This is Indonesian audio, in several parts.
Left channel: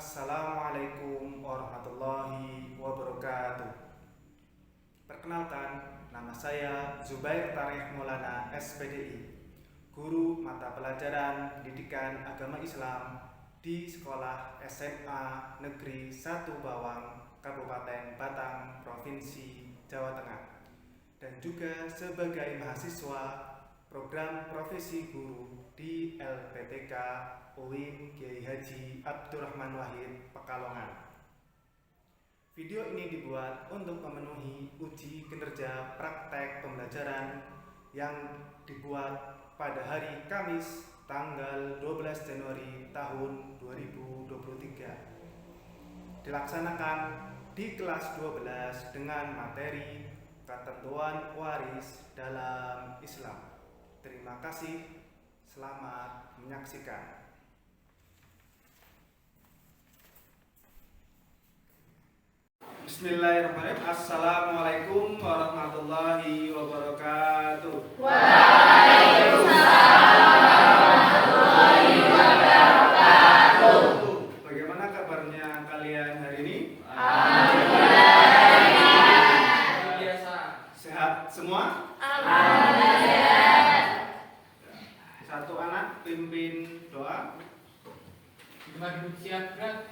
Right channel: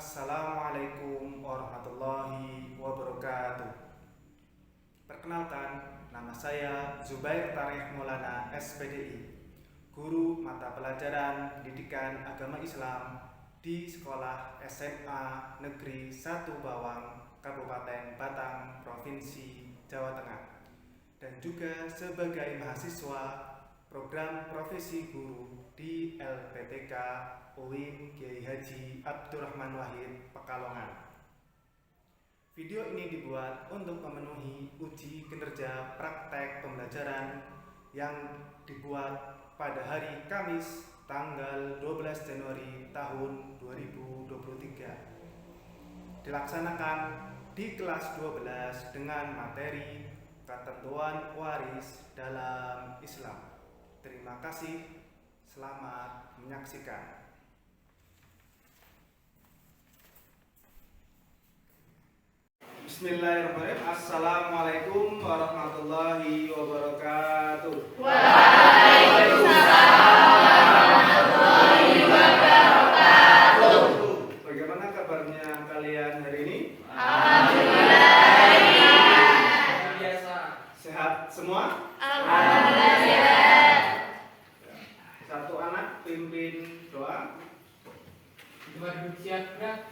Assalamualaikum warahmatullahi wabarakatuh. Perkenalkan, nama saya Zubair Tarikh Maulana SPDI, guru mata pelajaran Pendidikan Agama Islam di Sekolah SMA Negeri 1 Bawang, Kabupaten Batang, Provinsi Jawa Tengah, dan juga sebagai mahasiswa program profesi guru di LPTK UIN Kiai Haji Abdurrahman Wahid Pekalongan. Video ini dibuat untuk memenuhi uji kinerja praktek pembelajaran yang dibuat pada hari Kamis tanggal 12 Januari tahun 2023. Dilaksanakan di kelas 12 dengan materi ketentuan waris dalam Islam. Terima kasih, selamat menyaksikan. Bismillahirrahmanirrahim. Assalamualaikum warahmatullahi wabarakatuh. Waalaikumsalam warahmatullahi wabarakatuh. Bagaimana kabarnya kalian hari ini? Alhamdulillah. Biasa. Sehat semua? Alhamdulillah. Satu anak pimpin doa. Cuma duduk siap, gerak.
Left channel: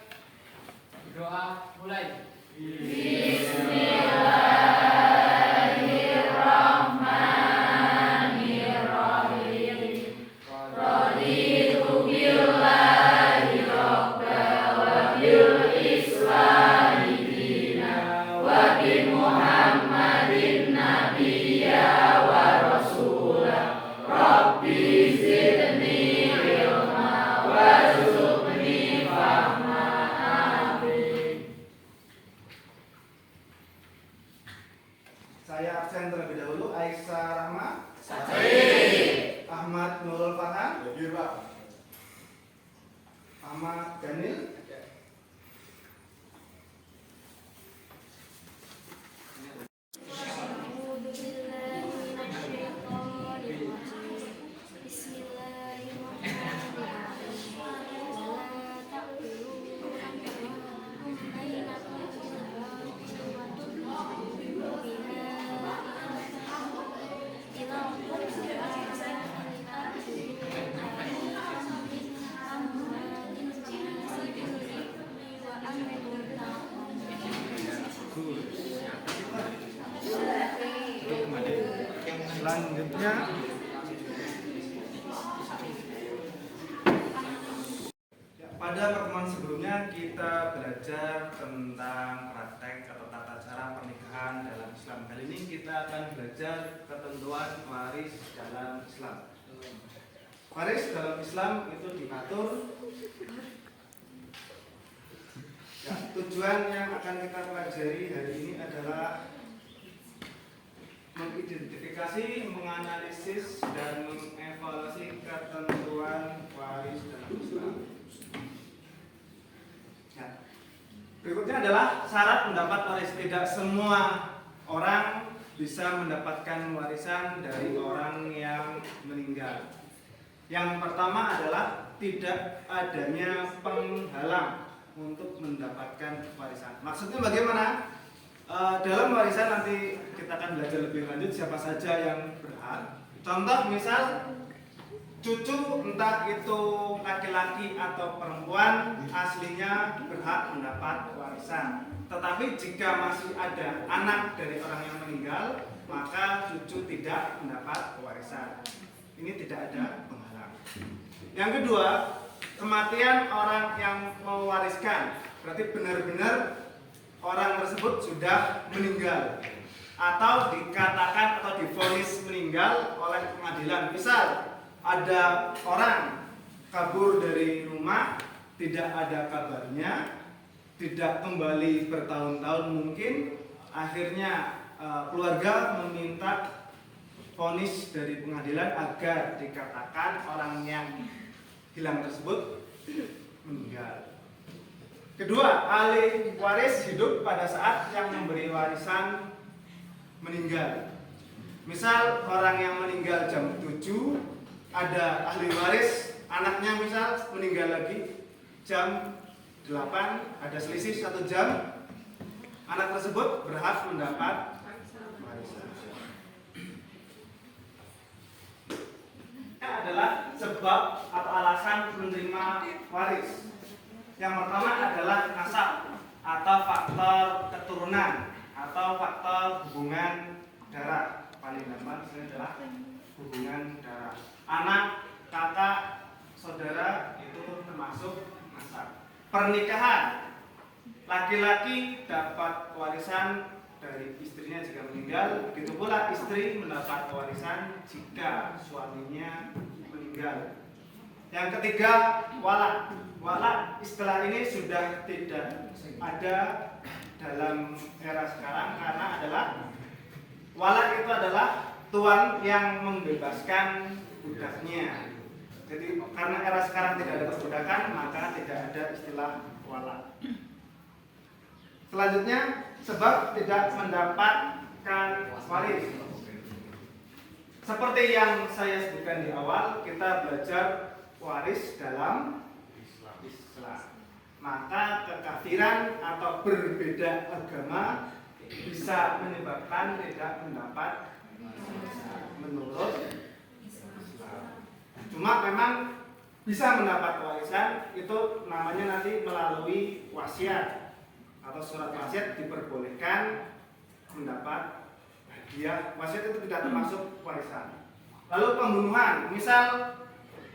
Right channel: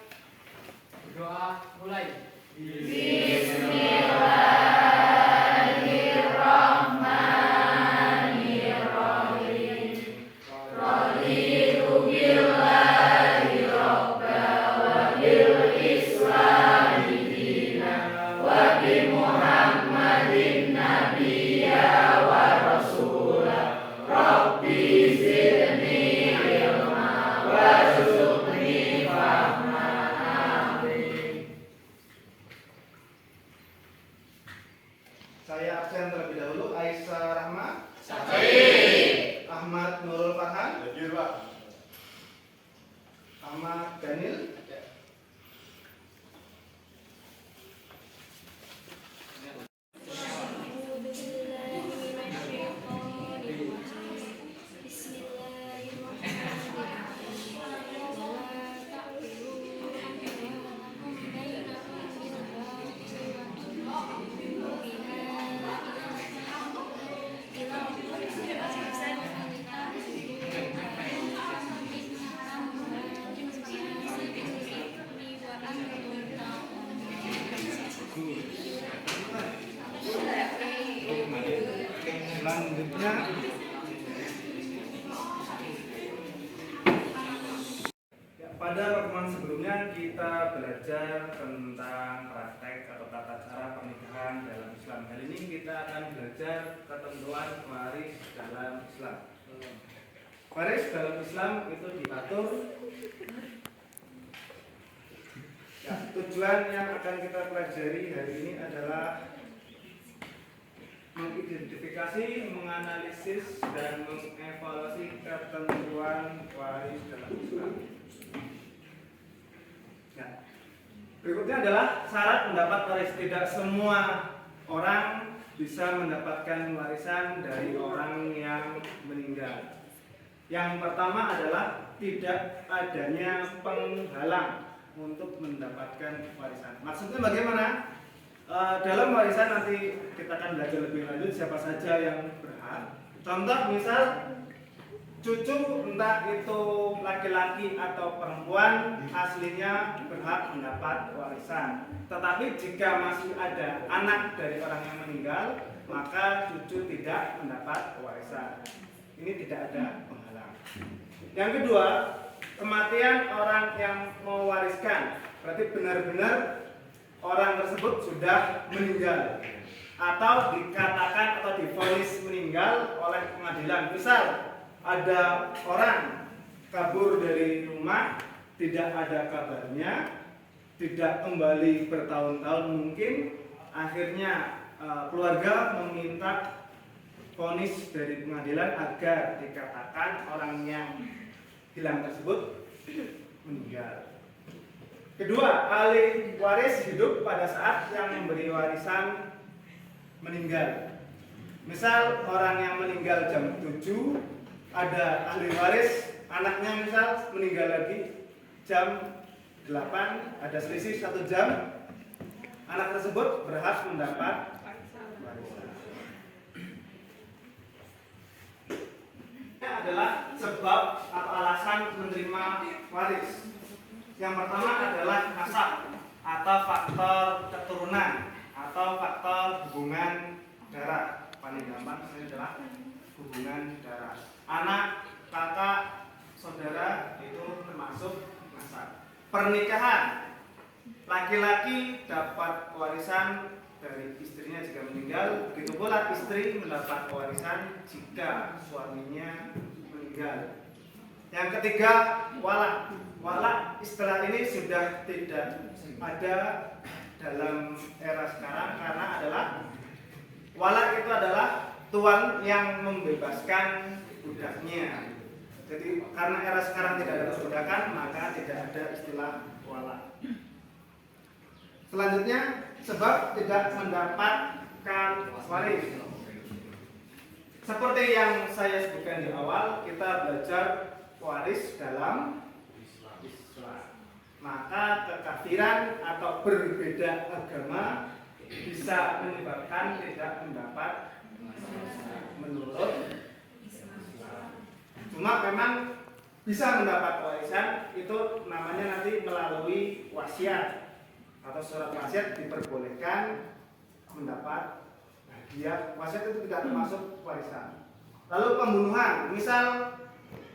Doa mulai. Bismillahirrahmanirrahim. Raditu billahi rabba wa bil islami dina wa bi Muhammadin nabiyya wa rasula. Rabbi zidni ilma warzuqni fahma. Saya absen terlebih dahulu. Aisyah Rahma, Ahmad Nurul Farhan, Ahmad Daniel, selanjutnya pada pertemuan sebelumnya kita belajar tentang praktek atau tata cara pernikahan dalam Islam. Kali ini kita akan belajar ketentuan waris dalam Islam. Waris dalam Islam itu diatur. Tujuan yang akan kita pelajari hari ini adalah mengidentifikasi, menganalisis, dan mengevaluasi ketentuan waris dalam Islam. Nah, berikutnya adalah syarat mendapat waris. Tidak semua orang bisa mendapatkan warisan dari orang yang meninggal. Yang pertama adalah tidak adanya penghalang untuk mendapatkan warisan. Maksudnya bagaimana? Dalam warisan nanti kita akan belajar lebih lanjut siapa saja yang berhak. Contoh misal cucu entah itu laki-laki atau perempuan aslinya berhak mendapat warisan. Tetapi jika masih ada anak dari orang yang meninggal, maka cucu tidak mendapat warisan. Ini tidak ada penghalang. Yang kedua, kematian orang yang mewariskan. Berarti benar-benar orang tersebut sudah meninggal atau dikatakan atau divonis meninggal oleh pengadilan. Misal ada orang kabur dari rumah, tidak ada kabarnya, tidak kembali bertahun-tahun mungkin, akhirnya keluarga meminta vonis dari pengadilan agar dikatakan orang yang hilang tersebut meninggal. Kedua, ahli waris hidup pada saat yang memberi warisan meninggal. Misal orang yang meninggal jam 7, ada ahli waris, anaknya misal meninggal lagi jam 8, ada selisih 1 jam. Anak tersebut berhak mendapat warisan. Ini adalah sebab atau alasan menerima waris. Yang pertama adalah nasab atau faktor keturunan atau faktor hubungan darah. Paling gampang ini adalah hubungan darah. Anak, kakak, saudara itu termasuk nasab. Pernikahan, laki-laki dapat warisan dari istrinya jika meninggal, begitu pula istri mendapat warisan jika suaminya meninggal. Yang ketiga, walak. Walak istilah ini sudah tidak ada dalam era sekarang karena adalah walak itu adalah tuan yang membebaskan budaknya. Jadi karena era sekarang tidak ada perbudakan, maka tidak ada istilah walak. Selanjutnya, sebab tidak mendapatkan waris. Seperti yang saya sebutkan di awal, kita belajar waris dalam Islam. Maka kekafiran atau berbeda agama bisa menyebabkan tidak mendapat menurut Islam. Cuma memang bisa mendapat warisan itu namanya nanti melalui wasiat atau surat wasiat diperbolehkan mendapat hadiah. Wasiat itu tidak termasuk warisan. Lalu pembunuhan, misal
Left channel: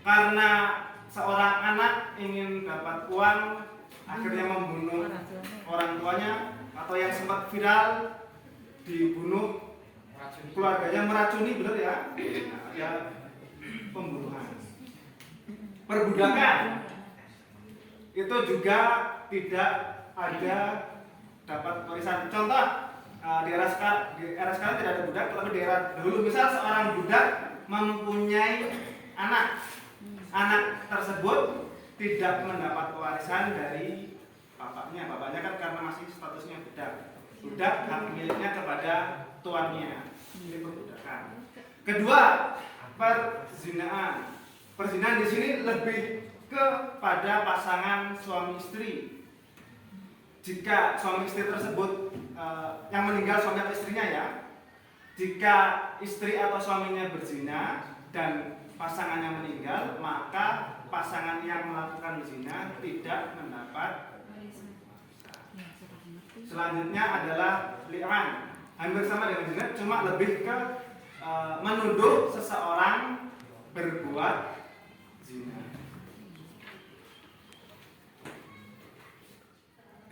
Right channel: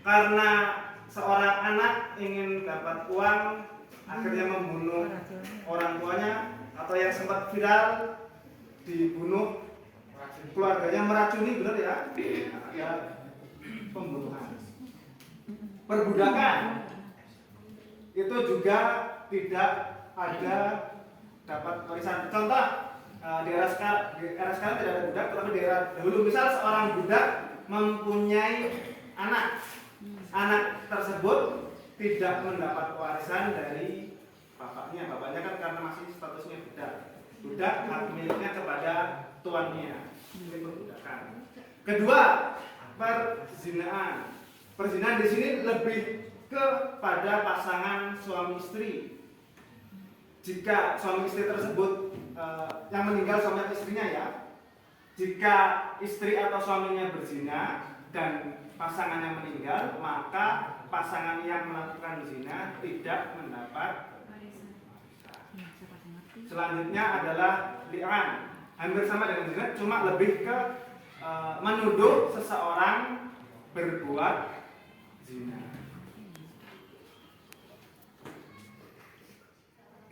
karena seorang anak ingin dapat uang akhirnya membunuh orang tuanya, atau yang sempat viral dibunuh keluarganya, meracuni, benar ya? Ya, pembunuhan. Perbudakan itu juga tidak ada dapat warisan. Contoh, di era sekarang tidak ada budak, tetapi di era dahulu misal seorang budak mempunyai anak tersebut tidak mendapat warisan dari bapaknya. Bapaknya kan karena masih statusnya budak hak miliknya kepada tuannya. Ini perbudakan. Kedua, perzinahan. Perzinahan di sini lebih kepada pasangan suami istri. Jika suami istri tersebut yang meninggal suami atau istrinya ya, jika istri atau suaminya berzina dan pasangannya meninggal, maka pasangan yang melakukan zina tidak mendapat. Selanjutnya adalah li'an. Hampir sama dengan zina, cuma lebih ke menuduh seseorang berbuat zina.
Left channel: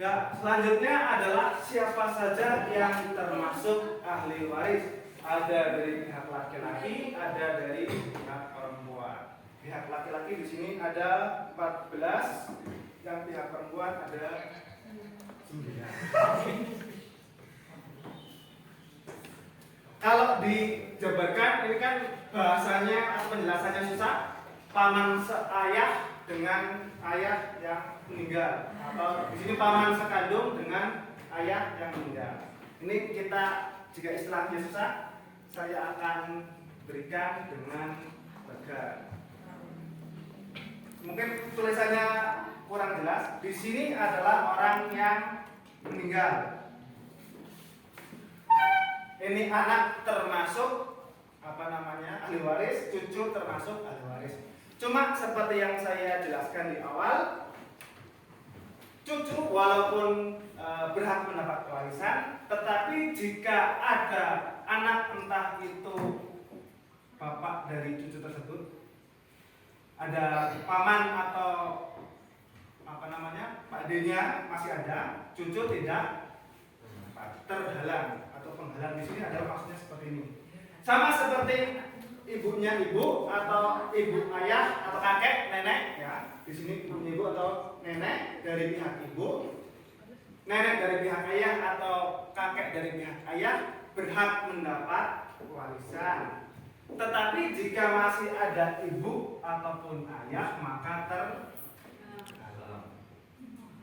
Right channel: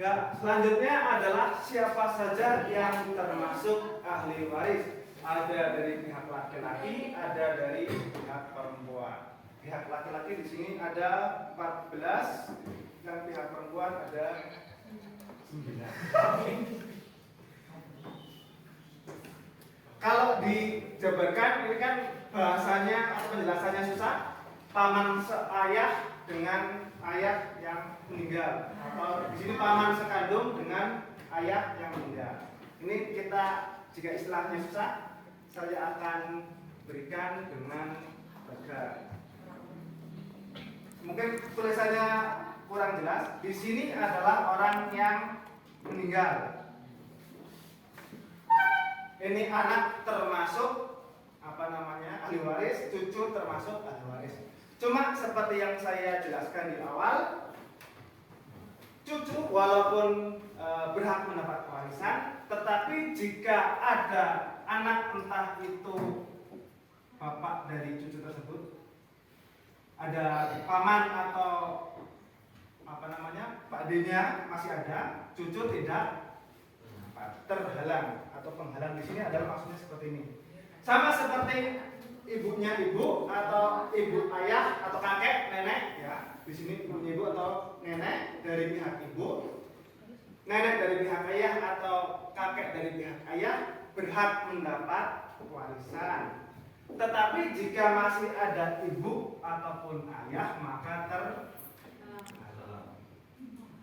Ya, selanjutnya adalah siapa saja yang termasuk ahli waris. Ada dari pihak laki-laki, ada dari pihak perempuan. Pihak laki-laki di sini ada 14, yang pihak perempuan ada 9. Kalau dijabarkan, ini kan bahasanya atau penjelasannya susah. Paman seayah dengan ayah yang meninggal, atau di sini paman sekandung dengan ayah yang meninggal. Ini kita, jika istilahnya susah, saya akan berikan dengan tegas. Mungkin tulisannya kurang jelas. Di sini adalah orang yang meninggal. Ini anak termasuk ahli waris, cucu termasuk ahli waris. Cuma seperti yang saya jelaskan di awal, cucu walaupun berhak mendapat warisan, tetapi jika ada anak, entah itu bapak dari cucu tersebut, ada paman atau Pak D-nya masih ada, cucu tidak terhalang atau penghalang. Di sini adalah maksudnya seperti ini. Sama seperti ibunya ibu atau ibu ayah atau kakek nenek ya. Di sini ibunya ibu atau nenek dari pihak ibu, nenek dari pihak ayah atau kakek dari pihak ayah berhak mendapat warisan. Tetapi jika masih ada ibu ataupun ayah, maka terhalang.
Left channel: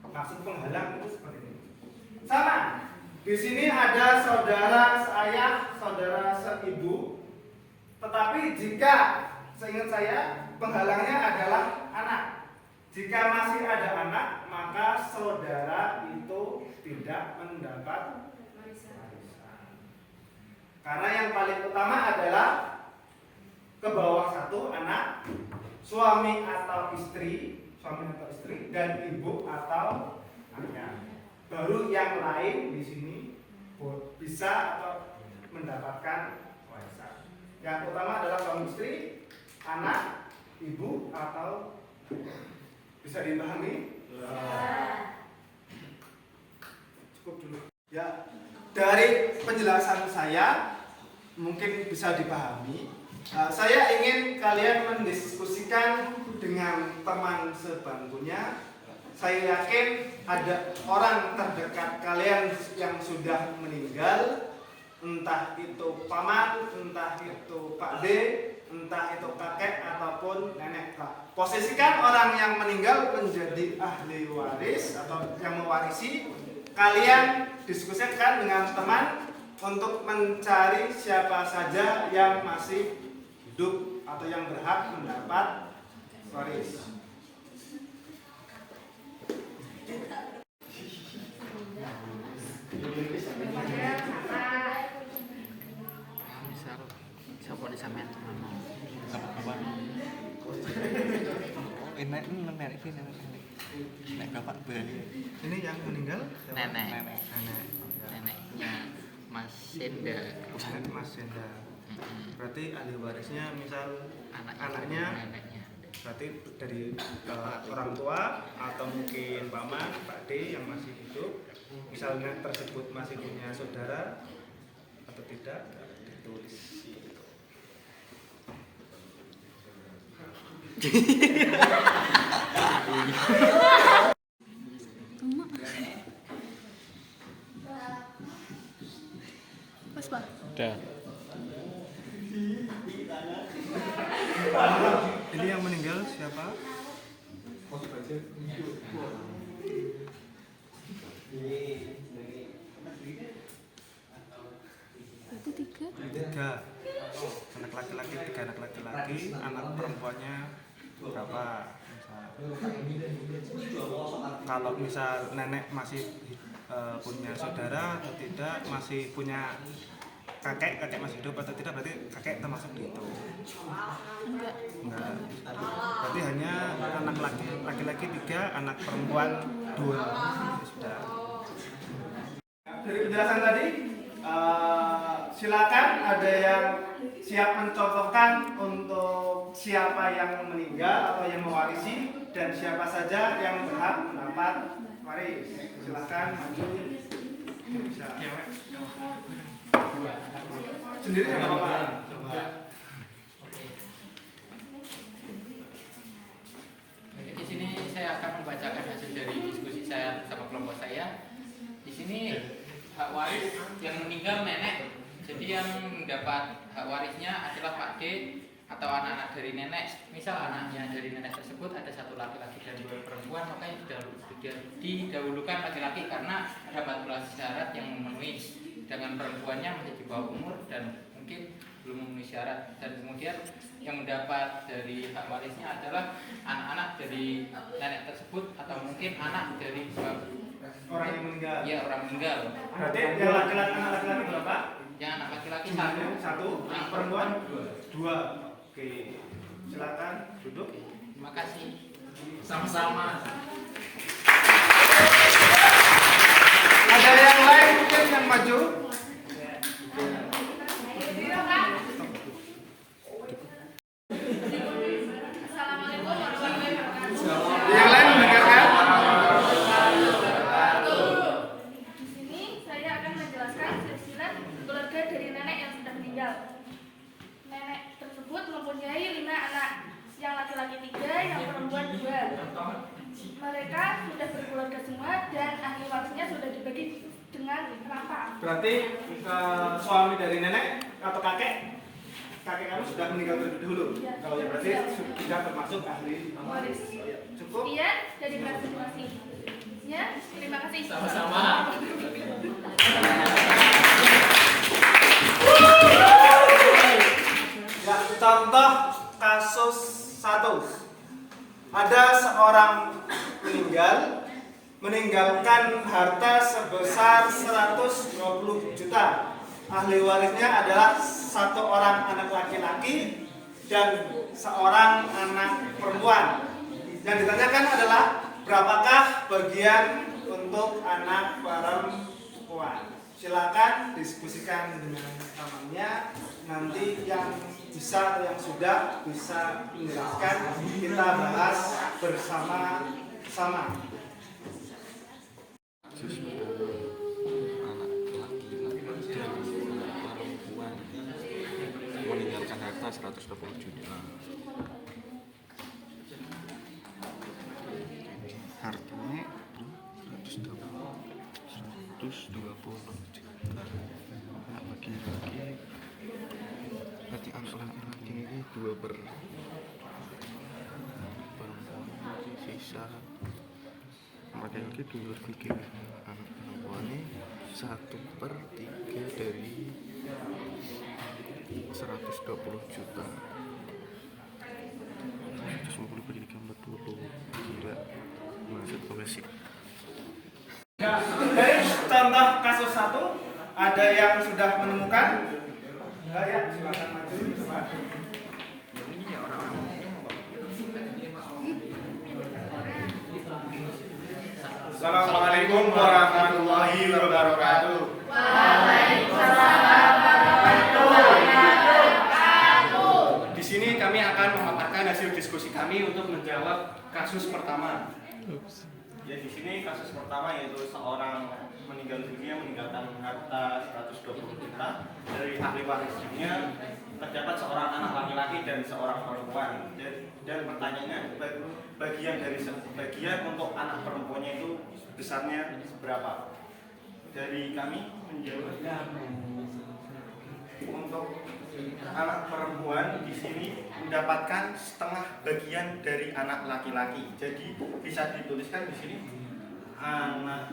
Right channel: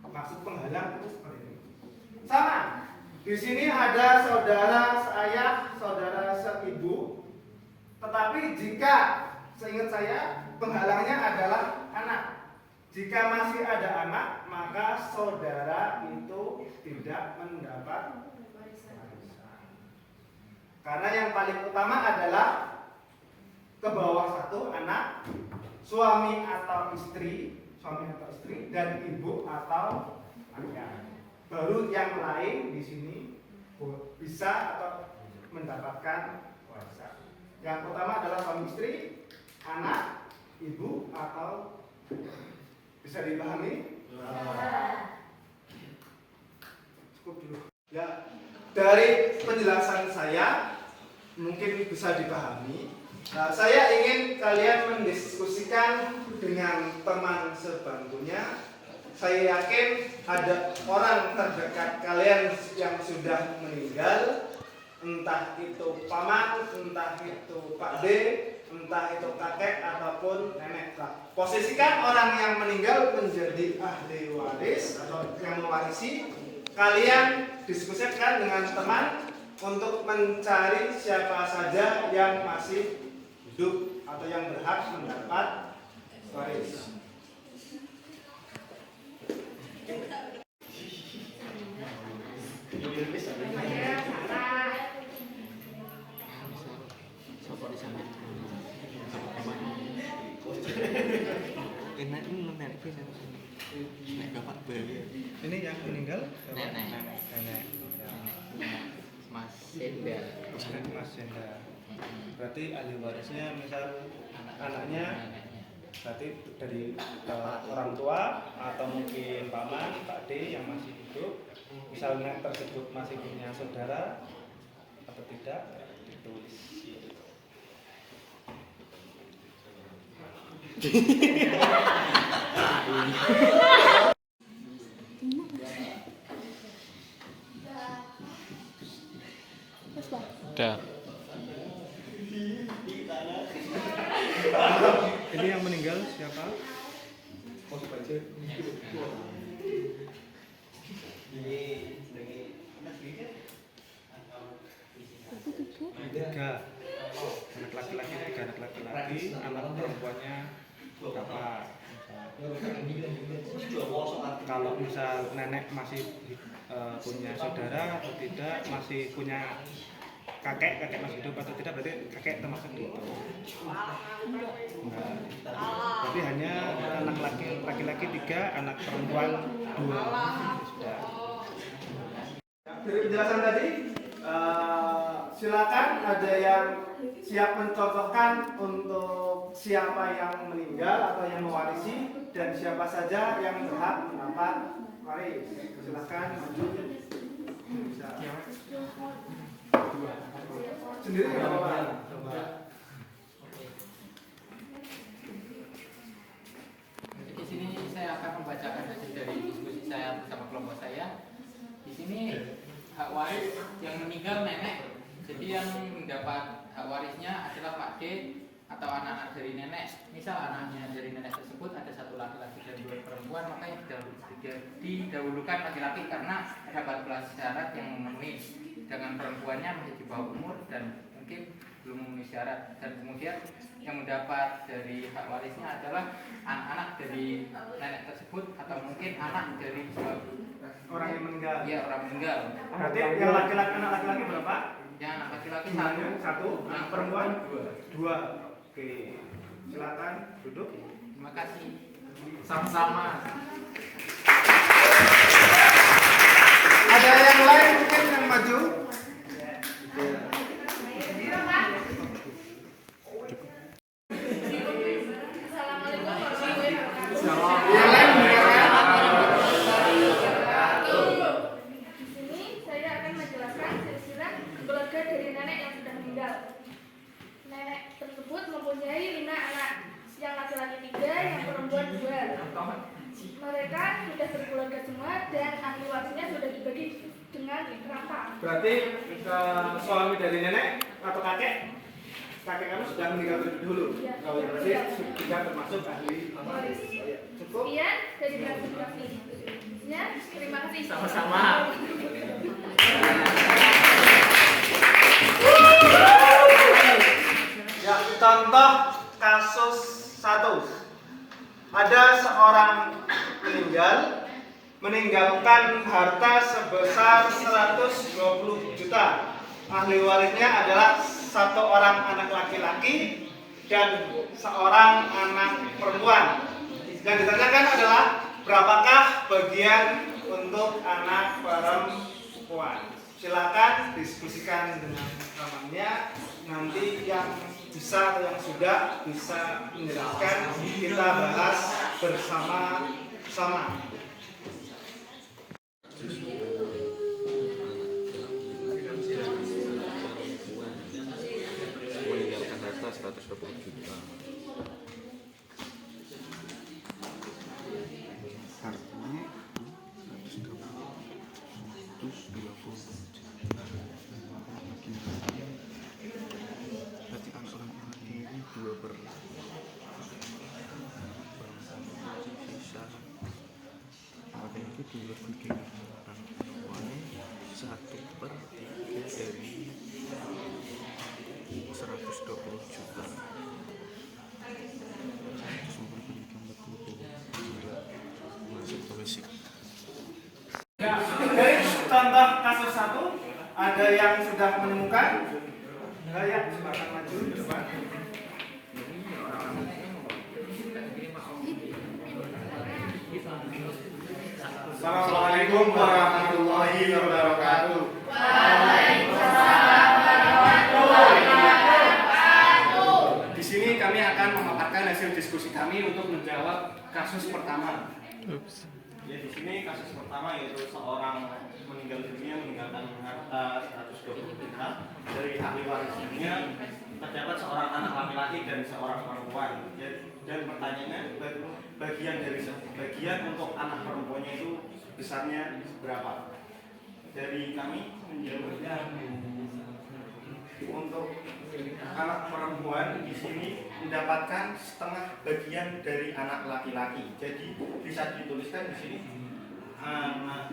Maksud penghalang itu seperti ini. Sama. Di sini ada saudara seayah, saudara seibu. Tetapi jika seingat saya penghalangnya adalah anak. Jika masih ada anak, maka saudara itu tidak mendapat warisan. Karena yang paling utama adalah ke bawah satu anak, suami atau istri, dan ibu atau ayah. Baru yang lain di sini bisa atau mendapatkan warisan. Yang utama adalah suami istri, anak, ibu atau ayah. Bisa dipahami? Cukup dulu. Ya, dari penjelasan saya mungkin bisa dipahami. Saya ingin kalian mendiskusikan dengan teman sebangkunya. Saya yakin ada orang terdekat kalian yang sudah meninggal, entah itu paman, entah itu Pak D, entah itu kakek ataupun nenek. Posisikan orang yang meninggal menjadi ahli waris atau yang mewarisi. Kalian diskusikan dengan teman untuk mencari siapa saja yang masih hidup atau yang berhak mendapat waris. Ini yang meninggal neneknya Mas Senda. Mas Senda. Berarti ahli warisnya misal anaknya, berarti dari orang tua atau mungkin paman, Pak D yang masih hidup. Misalnya tersebut masih punya saudara atau tidak, ditulis. Udah. Ini yang meninggal siapa? Tiga anak laki-laki, anak perempuannya berapa? Kalau misal nenek masih punya saudara atau tidak, masih punya kakek masih hidup atau tidak, berarti kakek termasuk di itu? Enggak. Berarti hanya anak laki-laki 3, anak perempuan 2. Sudah. Dari penjelasan tadi, silakan ada yang siap mencontohkan untuk siapa yang meninggal atau yang mewarisi dan siapa saja yang berhak mendapat waris. Silakan maju. Bisa. Sendiri nggak apa-apa. Coba. Di sini saya akan membacakan hasil dari diskusi saya bersama kelompok saya. Di sini hak waris yang meninggal nenek, jadi yang mendapat hak warisnya adalah Pak D atau anak-anak dari nenek. Misal anaknya dari nenek tersebut ada 1 laki-laki dan 2 perempuan, maka yang didahulukan laki-laki karena ada 14 syarat yang memenuhi, dengan perempuannya masih di bawah umur dan mungkin belum memenuhi syarat. Dan kemudian yang mendapat dari hak warisnya adalah anak-anak dari nenek tersebut atau mungkin anak dari orang yang meninggal. Iya, orang meninggal. Berarti yang laki-laki, anak laki-laki berapa? Yang anak laki-laki 1, yang perempuan 2. Oke, silakan duduk. Terima kasih. Sama-sama. Ada yang lain mungkin yang maju? Assalamualaikum warahmatullahi wabarakatuh. Yang lain mendengarkan? Di sini saya akan menjelaskan silsilah keluarga dari nenek yang sudah meninggal. Nenek tersebut mempunyai 5 anak, yang laki-laki 3, yang perempuan 2. Mereka sudah berkeluarga semua dan ahli warisnya sudah dibagi dengan rata. Berarti suami dari nenek atau kakek kamu sudah meninggal terlebih dahulu. Iya. Kalau berarti sudah termasuk ahli waris. Cukup? Sekian dari masing-masing. Ya, terima kasih. Sama-sama. Ya, contoh kasus 1. Ada seorang meninggalkan harta sebesar 120 juta. Ahli warisnya adalah satu orang anak laki-laki dan seorang anak perempuan. Yang ditanyakan adalah berapakah bagian untuk anak perempuan. Silakan diskusikan dengan temannya. Nanti yang bisa atau yang sudah bisa menjelaskan kita bahas bersama-sama. Meninggalkan harta 120 juta. Hartanya 120 juta. Anak laki-laki berarti untuk anak laki-laki 2 per bisa laki-laki 2/3, anak perempuannya 1/3 dari 120 juta. 150 per 340. Gila, masuk ke basic. Dari contoh kasus 1, ada yang sudah menemukan? Ya, silakan maju ke depan. Assalamualaikum warahmatullahi wabarakatuh. Di sini kami akan memaparkan hasil diskusi kami untuk menjawab kasus pertama. Ya, di sini kasus pertama yaitu seorang meninggal dunia meninggalkan harta 120 juta. Dari ahli warisnya terdapat seorang anak laki-laki dan seorang perempuan. Dan pertanyaannya, bagian untuk anak perempuannya itu besarnya berapa? Dari kami menjawabnya, untuk anak perempuan di sini mendapatkan setengah bagian dari anak laki-laki. Jadi bisa dituliskan di sini anak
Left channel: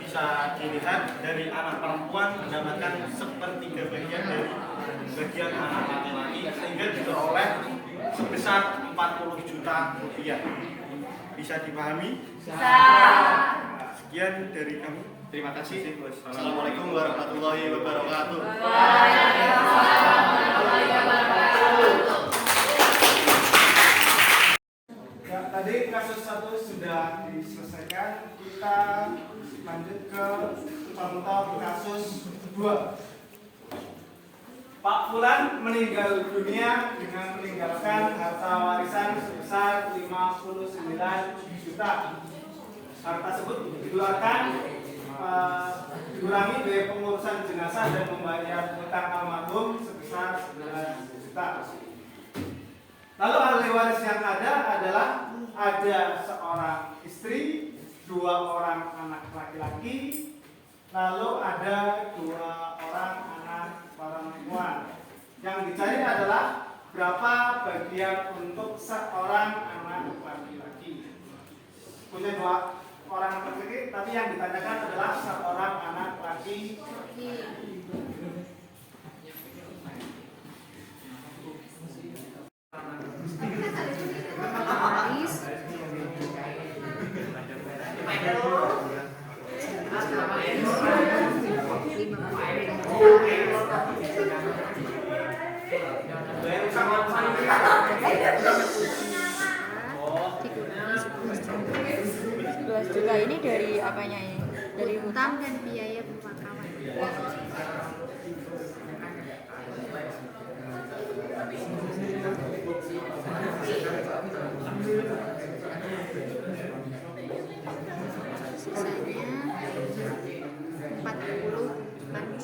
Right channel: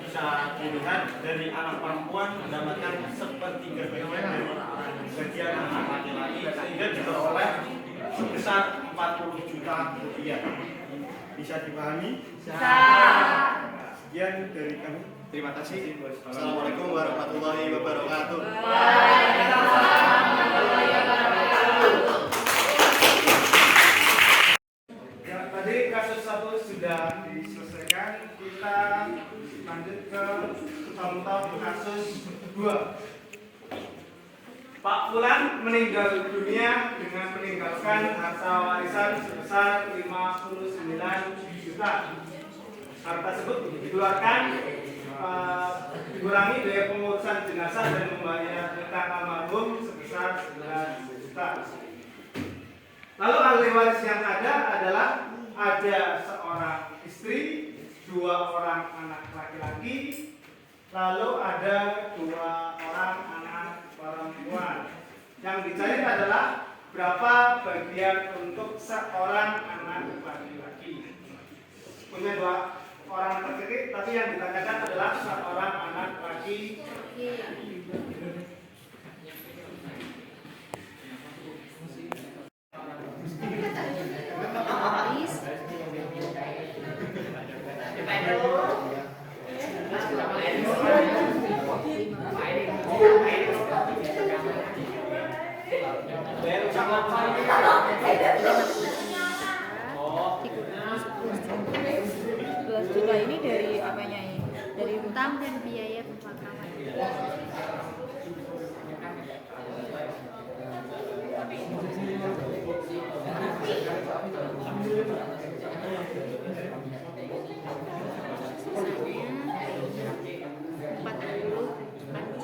bisa dilihat dari anak perempuan mendapatkan 1/3 bagian dari bagian anak laki-laki sehingga diperoleh sebesar 40 juta rupiah. Bisa dipahami? Sekian dari kami. Terima kasih. Assalamualaikum warahmatullahi wabarakatuh. Ya, tadi kasus 1 sudah diselesaikan. Kita lanjut ke contoh kasus 2. Pak Fulan meninggal dunia dengan meninggalkan harta warisan sebesar 59 juta. Harta tersebut dikeluarkan dikurangi biaya pengurusan jenazah dan membayar utang almarhum sebesar 9 juta. Lalu ahli waris yang ada adalah ada seorang istri, 2 orang anak laki-laki, lalu ada 2 orang anak perempuan. Yang dicari adalah berapa bagian untuk seorang anak laki-laki. Punya 2 orang anak laki-laki, tapi yang ditanyakan adalah seorang anak laki-laki. Juta ini dari apanya ini? Dari utang dan biaya pemakaman. Sisanya 40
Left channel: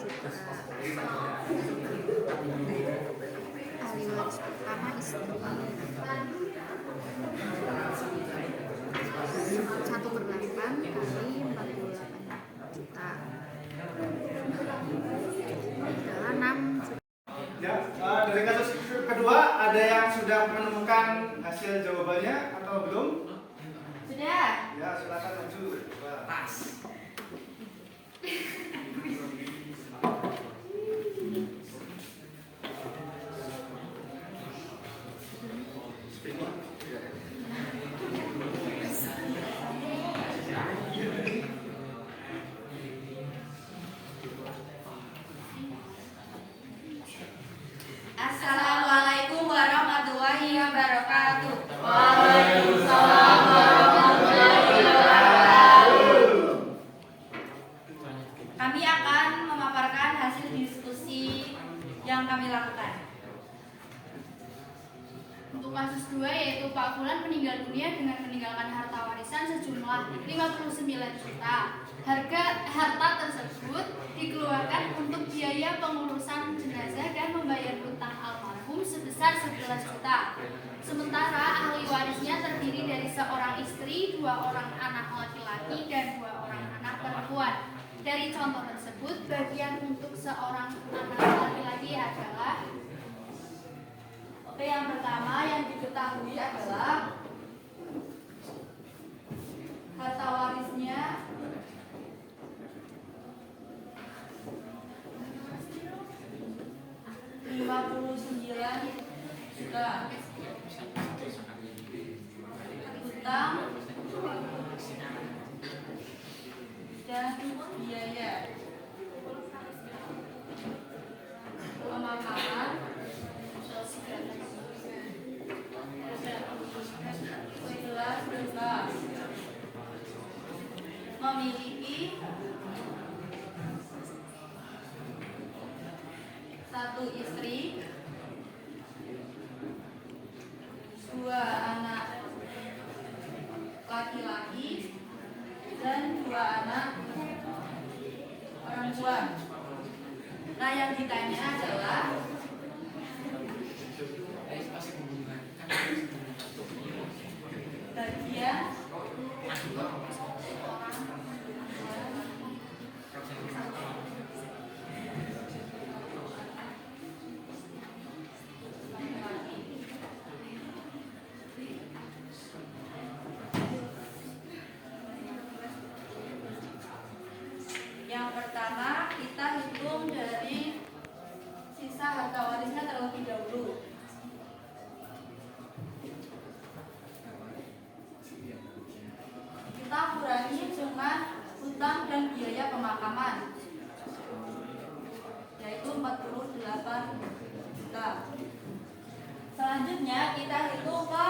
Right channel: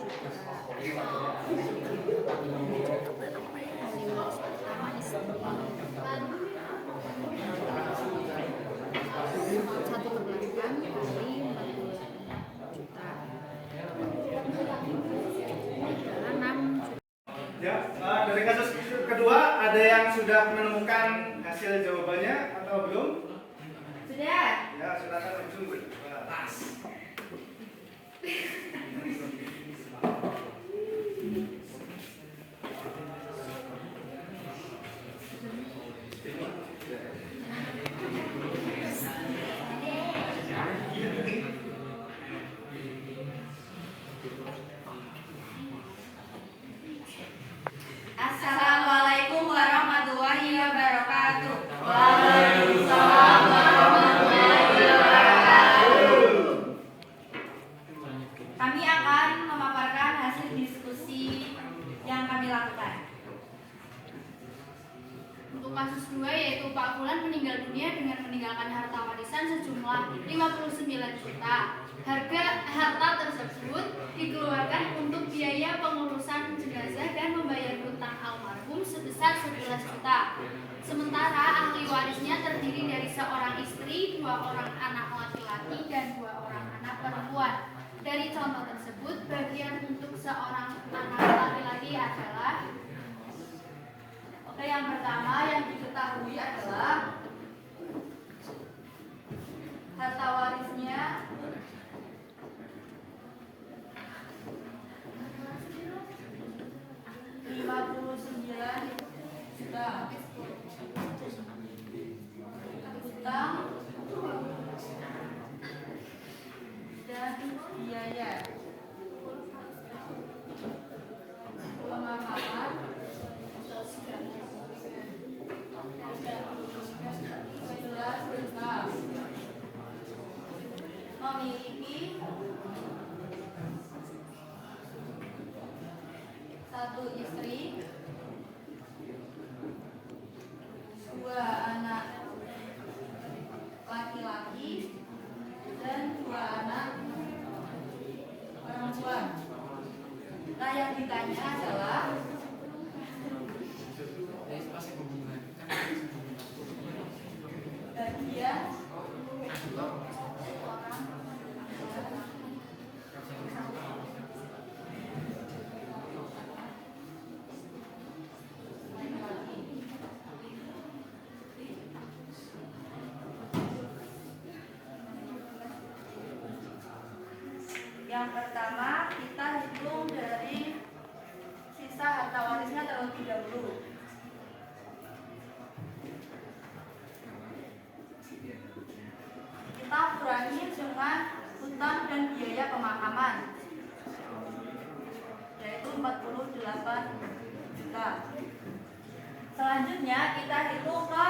meninggal dunia dengan meninggalkan harta warisan sejumlah 59 juta. Harta tersebut dikeluarkan untuk biaya pengurusan jenazah dan membayar hutang almarhum sebesar 11 juta. Sementara ahli warisnya terdiri dari seorang istri, 2 orang anak laki-laki, dan 2 orang anak perempuan. Dari contoh tersebut, bagian untuk seorang anak laki-laki adalah yang pertama yang diketahui adalah harta warisnya Rp59 juta, hutang dan biaya pemakaman memiliki 1 istri, 2 anak laki-laki, dan 2 anak perempuan. Nah, yang ditanya adalah bagian yang pertama kita hitung dari sisa harta warisnya terlebih dahulu. Kita kurangi dengan hutang dan biaya pemakaman, yaitu 48 juta. Selanjutnya kita hitung ke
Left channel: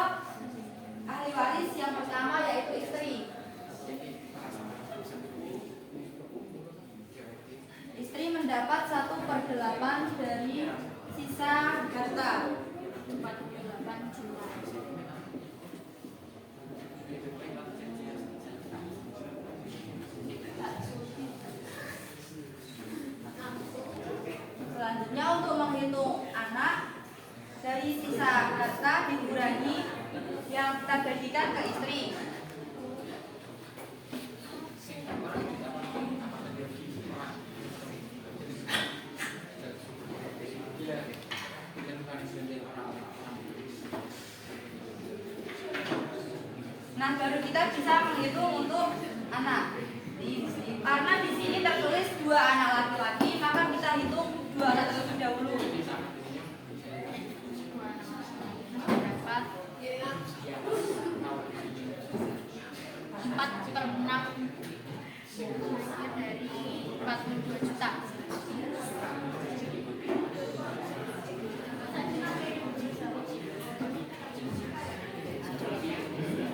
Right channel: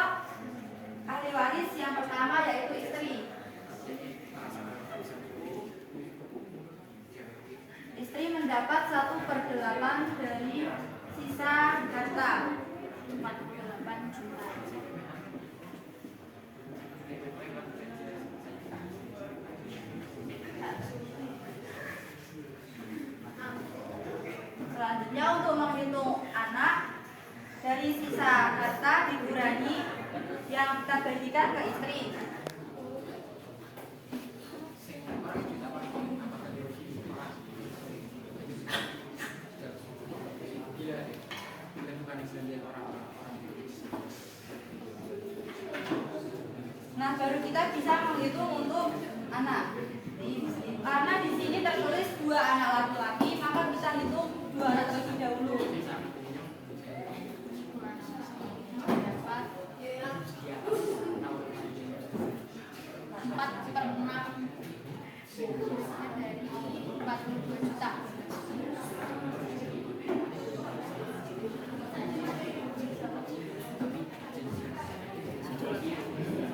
ahli waris yang pertama, yaitu istri. Istri mendapat 1/8 dari sisa harta, 48 juta. Selanjutnya untuk menghitung anak, dari sisa harta dikurangi yang kita bagikan ke istri. Nah, baru kita bisa menghitung untuk anak. Karena di sini tertulis 2 anak laki-laki, maka kita hitung 2 anak terlebih dahulu. Dapat 4/6 dari 42 juta.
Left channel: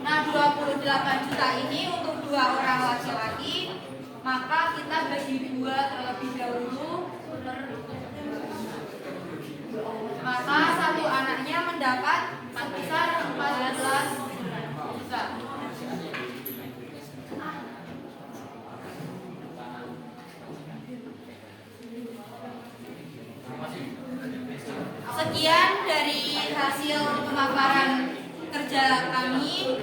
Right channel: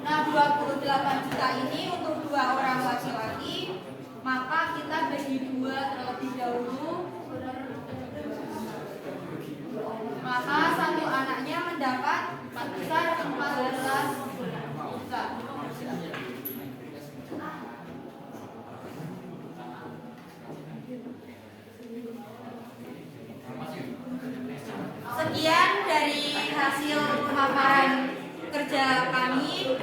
Nah, 28 juta ini untuk 2 orang laki-laki, maka kita bagi 2 terlebih dahulu. Maka 1 anaknya mendapat sebesar 14 juta. Sekian dari hasil pemaparan kerja kami.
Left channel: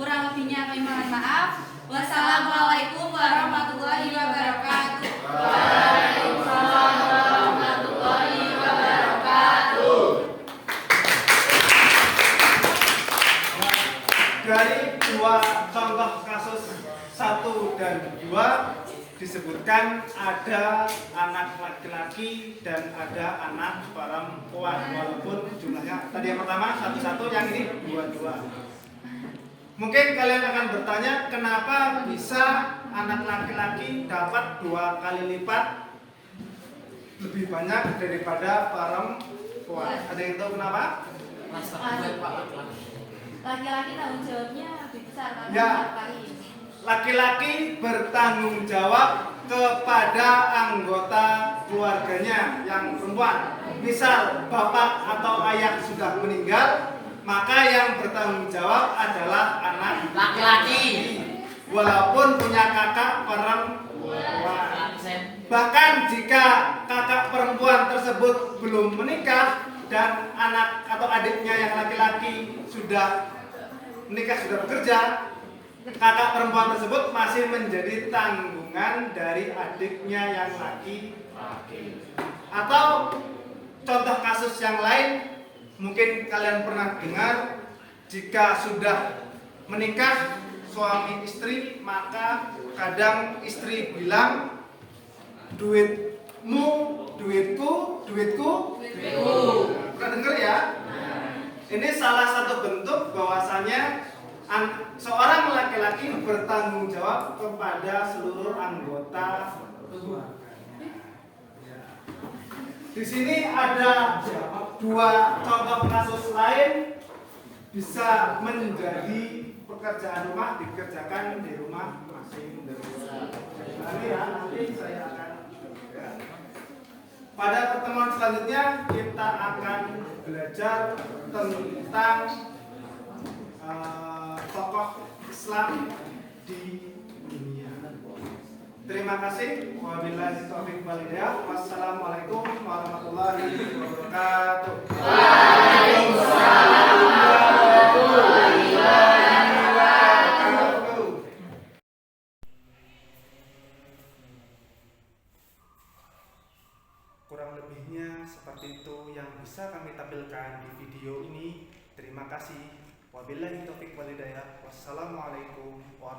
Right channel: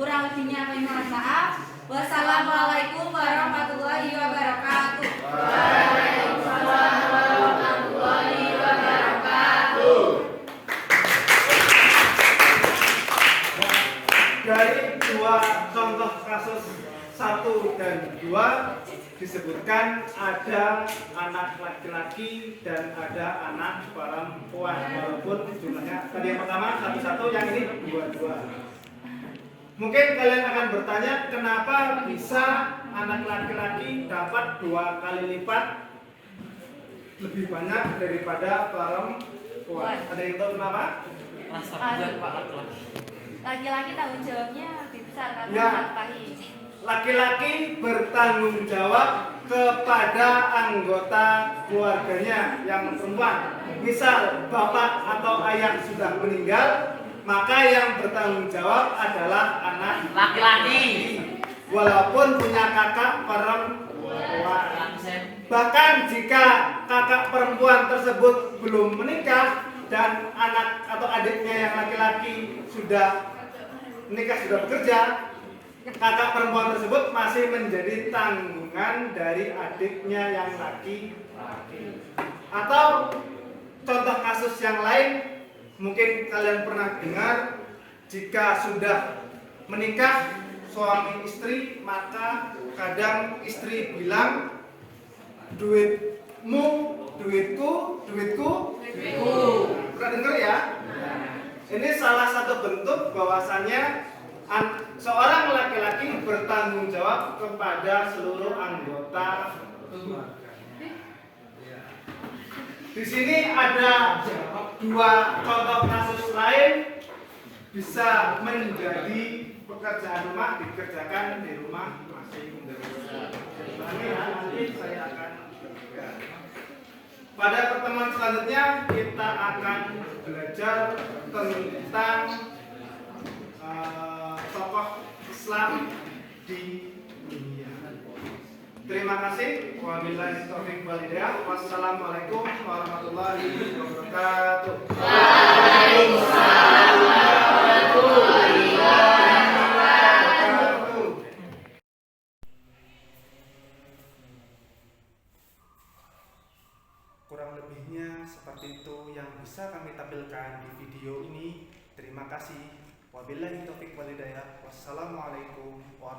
Kurang lebihnya kami mohon maaf. Wassalamualaikum warahmatullahi wabarakatuh. Waalaikumsalam warahmatullahi wabarakatuh. Dari 2 contoh kasus 1 dan 2 disebutkan ada anak laki-laki dan ada anak perempuan, walaupun jumlahnya tadi yang pertama 1-1, yang ini 2-2. Mungkin kalian akan bertanya, kenapa bisa anak laki-laki dapat 2 kali lipat lebih banyak daripada perempuan? Ada yang tahu kenapa? Laki-laki tanggung jawabnya lebih besar kan? Ya. Laki-laki bertanggung jawab kepada anggota keluarganya yang perempuan. Misal bapak atau ayah sudah meninggal, maka yang bertanggung jawab adalah anak Laki-laki. walaupun punya kakak perempuan. Bahkan jika kakak perempuan tersebut belum menikah dan anak atau adiknya yang laki-laki sudah menikah, sudah bekerja, kakak perempuan tersebut masih menjadi tanggungan dari adiknya yang laki-laki. Atau contoh kasus yang lain, mungkin kalian pernah dengar, jika sudah menikah suami istri, maka kadang istri bilang, duitmu, duitku, duitku. Nah, pernah dengar ya? Ini salah satu bentuk bahwasanya seorang laki-laki bertanggung jawab kepada seluruh anggota keluarga. Di sini ada dua contoh kasus lain bisa menjadi pekerjaan rumah dikerjakan di rumah masing-masing. Nanti saya akan berikan. Pada pertemuan selanjutnya kita akan belajar tentang tokoh Islam di dunia. Terima kasih. Wabillahi taufiq wal hidayah. Wassalamualaikum warahmatullahi wabarakatuh. Waalaikumsalam warahmatullahi wabarakatuh. Kurang lebihnya seperti itu yang bisa kami tampilkan di video ini. Terima kasih. Wabillahi taufiq wal hidayah. Wassalamualaikum warahmatullahi wabarakatuh.